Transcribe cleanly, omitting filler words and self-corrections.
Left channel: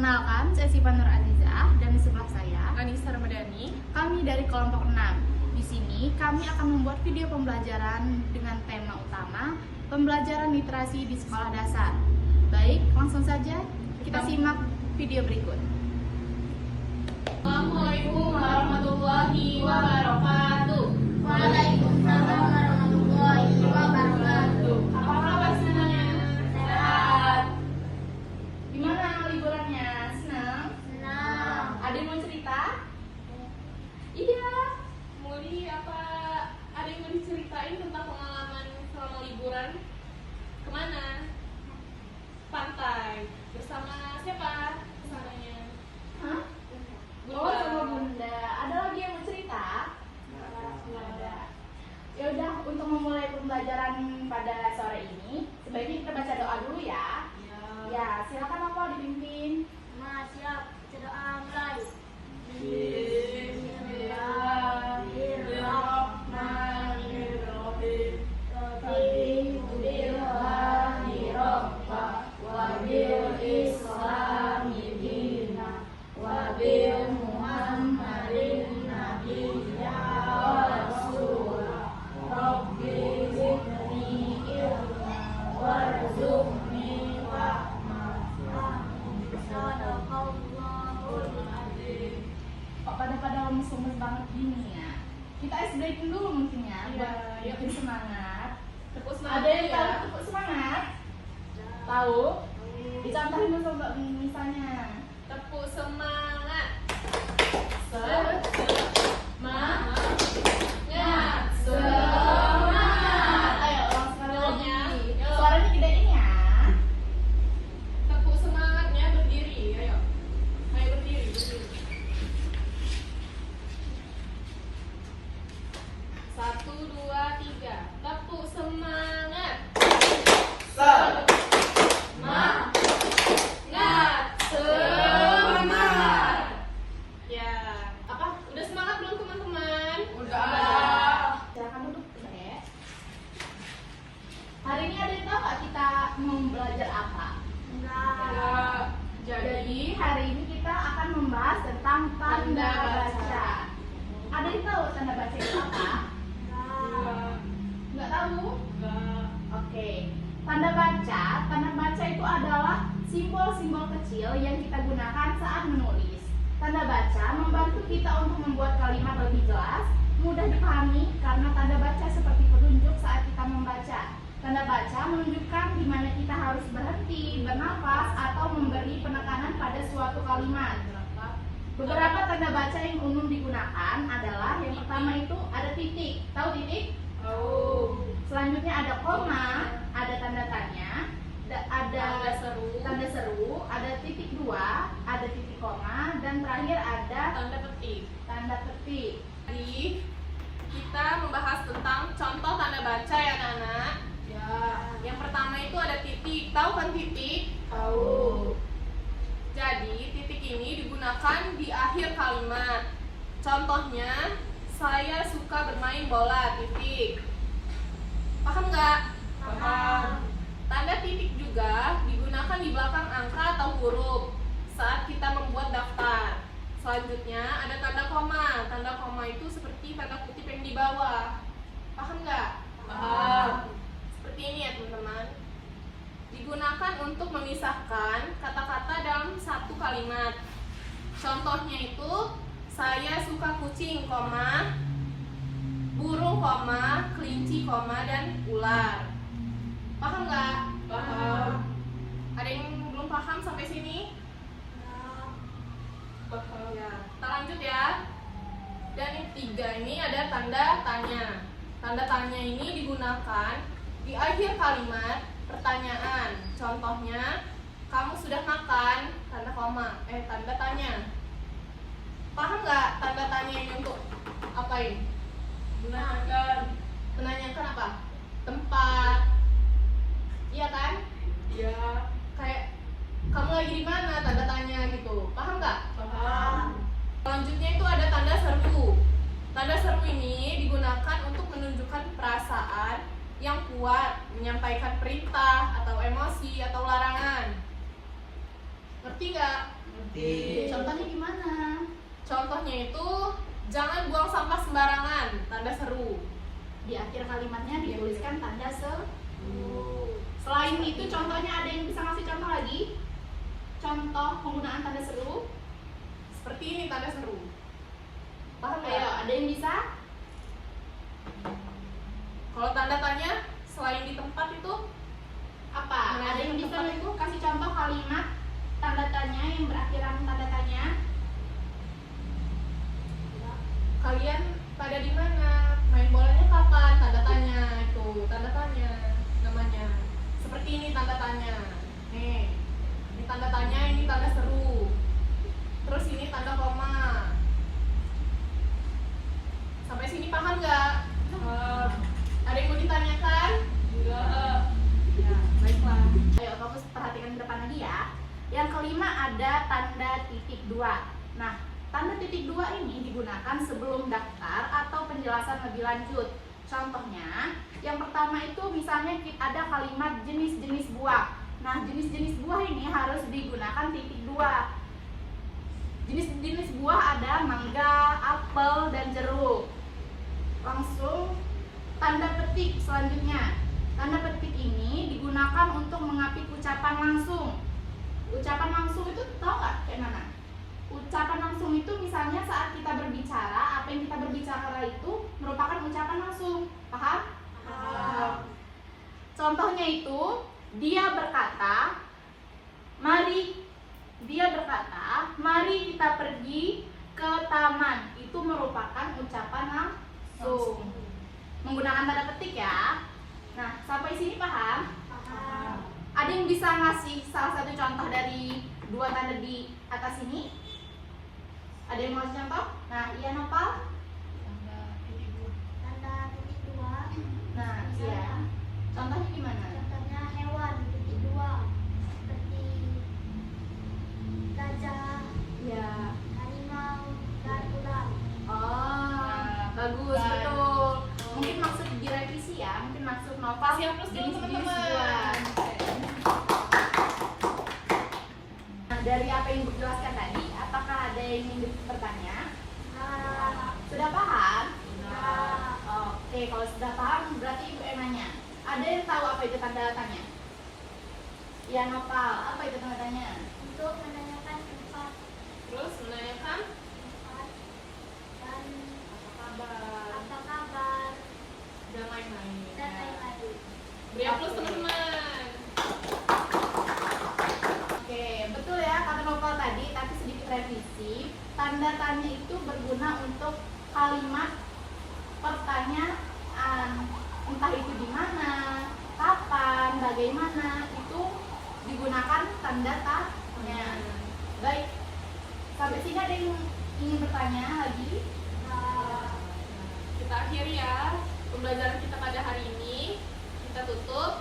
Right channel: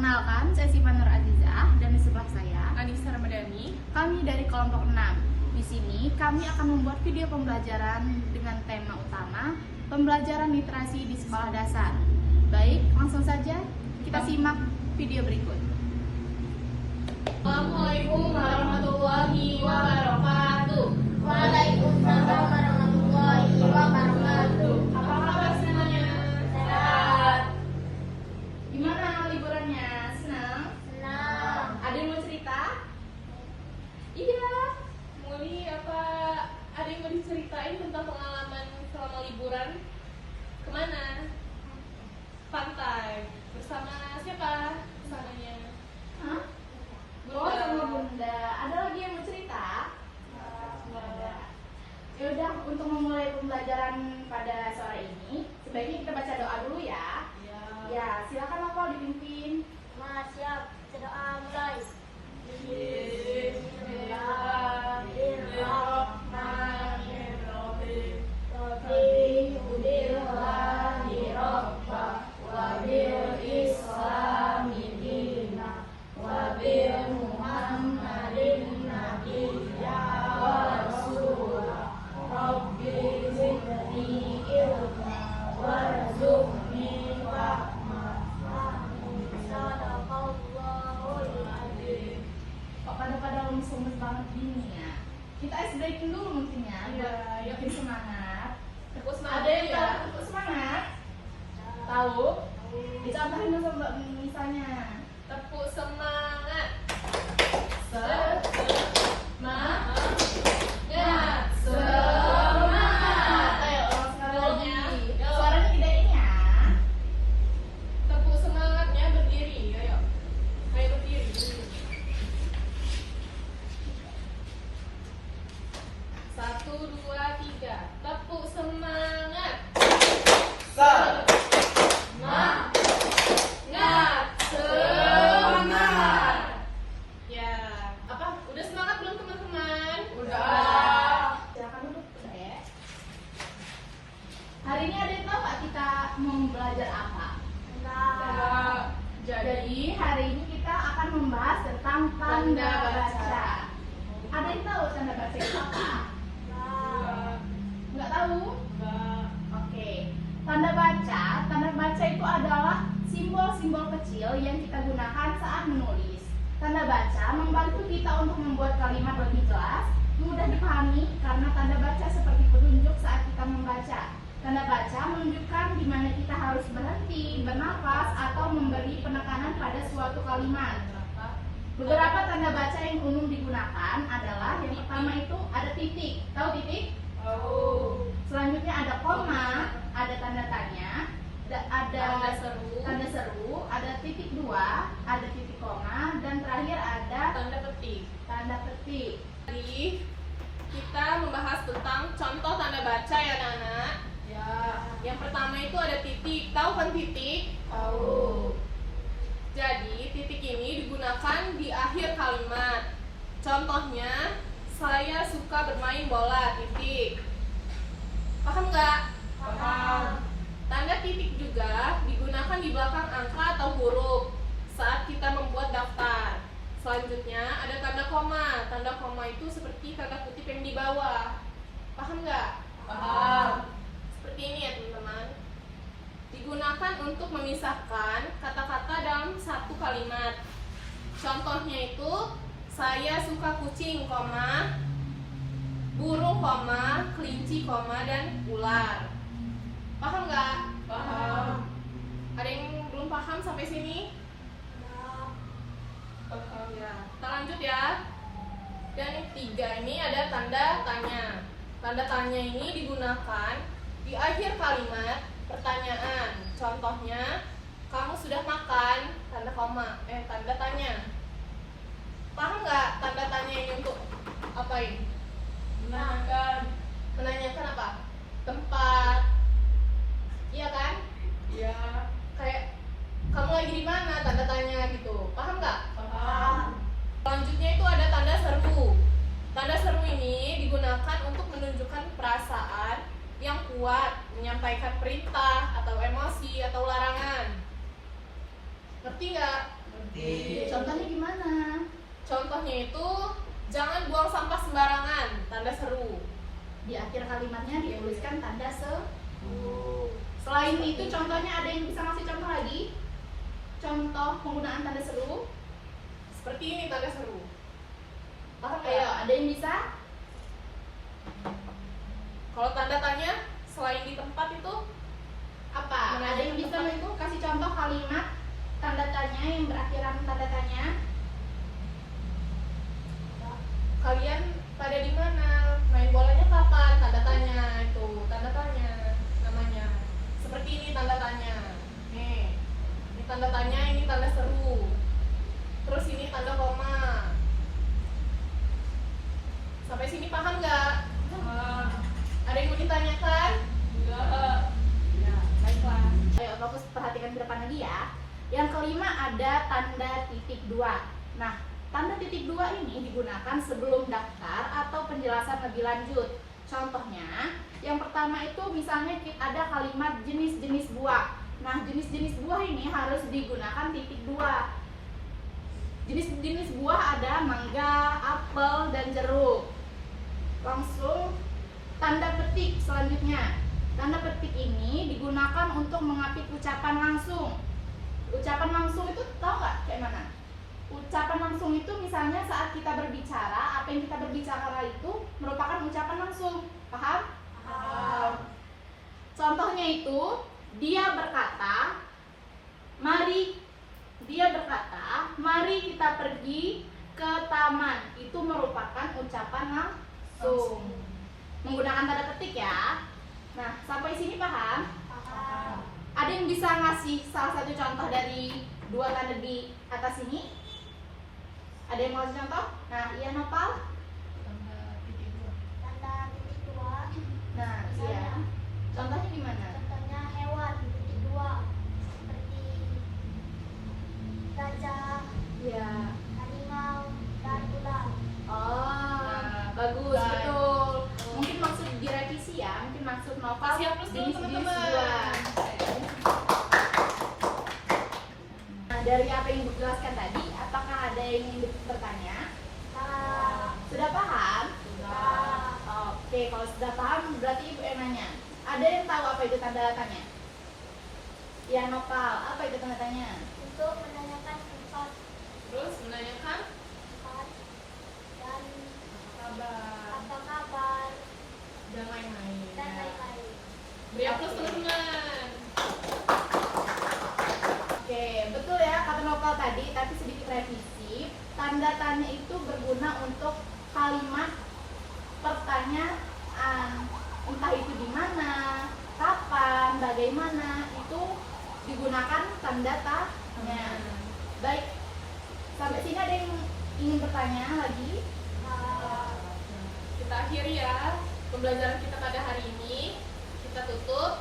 Perkenalkan, saya Siva Nur Azizah dan di sebelah saya Anissa Ramadhani. kami dari kelompok 6. Di sini kami akan membuat video pembelajaran dengan tema utama pembelajaran literasi di sekolah dasar. Baik, langsung saja kita simak video berikut. Assalamualaikum warahmatullahi wabarakatuh. Waalaikumsalam warahmatullahi wabarakatuh. Apa kabar semuanya? Sehat. Gimana liburannya? Senang? Senang. Ada yang mau cerita? Iya. Muli, apa ada yang mau diceritain tentang pengalaman selama liburan? Kemana? Pantai. Bersama siapa? Suaminya. Hah? Oh, sama Bunda. Ada lagi yang mau cerita? Nggak ada. Ya udah, untuk memulai pembelajaran pada sore ini, sebaiknya kita baca doa dulu ya. Ya, silakan apa dipimpin. Siap. Doa mulai. Bismillahirrahmanirrahim. Alhamdulillahi Rabba wa bil Islami dina wa bil Muhammadin nabiyya wa rasulah. Rabbi zidni ilma warzuqni rahmah. Sadaqallahul azim. Kok pada lemes-lemes banget gini ya? Kita ice breaking dulu mungkin ya, buat bikin semangat. Tepuk Ada semangat yang ya. tahu tepuk semangat? Tahu? Dicontohin dulu coba misalnya. Tepuk semangat. Semangat. Semangat. Ayo, sekali lagi. Ya. Suaranya tidak ini ya. Tepuk semangatnya berdiri. Ayo. Ayo berdiri. Satu, dua, tiga. Tepuk semangat. Semangat. Ya. Apa? Udah semangat belum teman-teman? Silakan duduk, Dek. Hari ini ada yang tahu nggak kita mau belajar apa? Ya. Jadi hari ini kita akan membahas tentang tanda baca. Ada yang tahu tanda baca itu apa? Nggak tahu? Oke. Tanda baca itu adalah simbol-simbol kecil yang kita gunakan saat menulis. Tanda baca membantu kita untuk membuat kalimat lebih jelas, mudah dipahami karena tanda baca seperti petunjuk saat kita membaca. Tanda baca menunjukkan di mana kita harus berhenti, bernafas, atau memberi penekanan pada suatu kalimat. Beberapa tanda baca yang umum digunakan adalah yang pertama itu ada titik. Tahu titik? Selanjutnya ada koma, ada tanda tanya, ada tanda seru, ada titik dua, ada titik koma, dan terakhir ada Tanda petik. tanda petik. Jadi kita membahas tentang contoh tanda baca ya anak-anak. Ya. Yang pertama itu ada titik. Tahu kan titik? Tahu. Jadi titik ini digunakan di akhir kalimat. Contohnya, saya suka bermain bola. Titik. Paham nggak? Paham. Tanda titik juga digunakan di belakang angka atau huruf saat kita membuat daftar. Selanjutnya ada tanda koma. Tanda koma itu seperti kata kutip yang di bawah. Paham nggak? Paham. Seperti ini ya teman-teman. Digunakan untuk memisahkan kata-kata dalam satu kalimat. Contohnya itu, saya suka kucing, koma, burung, koma, kelinci, koma, dan ular. Paham nggak? Paham. Ada yang belum paham sampai sini? Ya. Kita lanjut ya. Dan yang ketiga ini ada tanda tanya. Tanda tanya ini digunakan di akhir kalimat pertanyaan. Contohnya, kamu sudah makan? Tanda koma. Tanda tanya. Paham nggak tanda tanya ini untuk apa ini? Menanyakan apa? Tempat. Iya kan? Ya. Kayak kamu lagi di mana? Tanda tanya gitu. Paham nggak? Paham. Selanjutnya itu ada tanda seru. Tanda seru ini digunakan untuk menunjukkan perasaan yang kuat, menyampaikan perintah atau emosi atau larangan. Ngerti nggak? Contohnya gimana? Contohnya itu jangan buang sampah sembarangan, tanda seru. Di akhir kalimatnya dituliskan tanda seru. Selain itu contohnya ada yang bisa ngasih contoh lagi? Contoh penggunaan tanda seru? Seperti ini tanda seru. Paham Ayo, nggak? ada yang bisa? Kalau tanda tanya selain di tempat itu Apa? Menanyakan Ada yang bisa tempat itu? kasih contoh kalimat tanda tanya yang berakhiran tanda tanya? kalian pada di mana? Main bolanya kapan? Tanda tanya itu, tanda tanya namanya. Seperti ini tanda tanya. Nih, ini tanda tanya, ini tanda seru. Terus ini tanda koma. Sampai sini paham nggak? Ada yang mau ditanyakan? Enggak. Ya, baiklah. Ayo, fokus perhatikan ke depan lagi ya. Yang kelima ada tanda titik dua. Nah, tanda titik dua ini digunakan sebelum daftar atau penjelasan lebih lanjut. Contohnya, yang pertama itu misalnya ada kalimat jenis-jenis buah. Nah, jenis-jenis buah ini harus digunakan titik dua. Jenis-jenis buah ada mangga, apel, dan jeruk. Langsung tanda petik selanjutnya. Tanda petik ini digunakan untuk mengapit ucapan langsung. Ucapan langsung itu tahu nggak kayak mana? Ucapan langsung itu misalnya saat kita berbicara, apa yang kita berbicara itu merupakan ucapan langsung. Paham? Paham. Contohnya itu, dia berkata, mari kita pergi ke taman. Itu merupakan ucapan langsung. Menggunakan tanda petik ya. Nah, sampai sini paham? Paham. Ada yang bisa ngasih salah satu contoh dari dua tanda di atas ini? Ada yang mau kasih contoh? Nah, iya Nopal? Tanda titik dua. Nah, iya. Contohnya gimana? Contohnya hewan titik dua. Seperti gajah, Ya. harimau, dan kuda. Oh, bagus, Baik. betul. Mungkin maksud direvisi ya, mungkin maksud Nopal Siap plus dulu, jenis-jenis teman-teman. buah. Nah, dari apa yang dijelaskan tadi, apakah ada yang ingin bertanya? Nah, Sudah paham? nah, Oke, kalau sudah paham berarti ibu yang nanya. Ada yang tahu apa itu tanda tanya? Ya Nopal, apa itu tanda tanya? untuk menanyakan tempat Terus menanyakan dan kabar apa kabar dan lain-lain. dan lain-lain. Beri aplaus teman-teman. Oke, betul ya kata Nopal tadi, tapi sedikit revisi. Tanda tanya itu berguna untuk kalimat pertanyaan, entah itu di mana, kapan, bagaimana, itu digunakan tanda tanya. Baik, sampai sini ada yang ingin bertanya lagi? Nah, Kita akhiri ya pembelajaran kita pada hari ini. Kita tutup.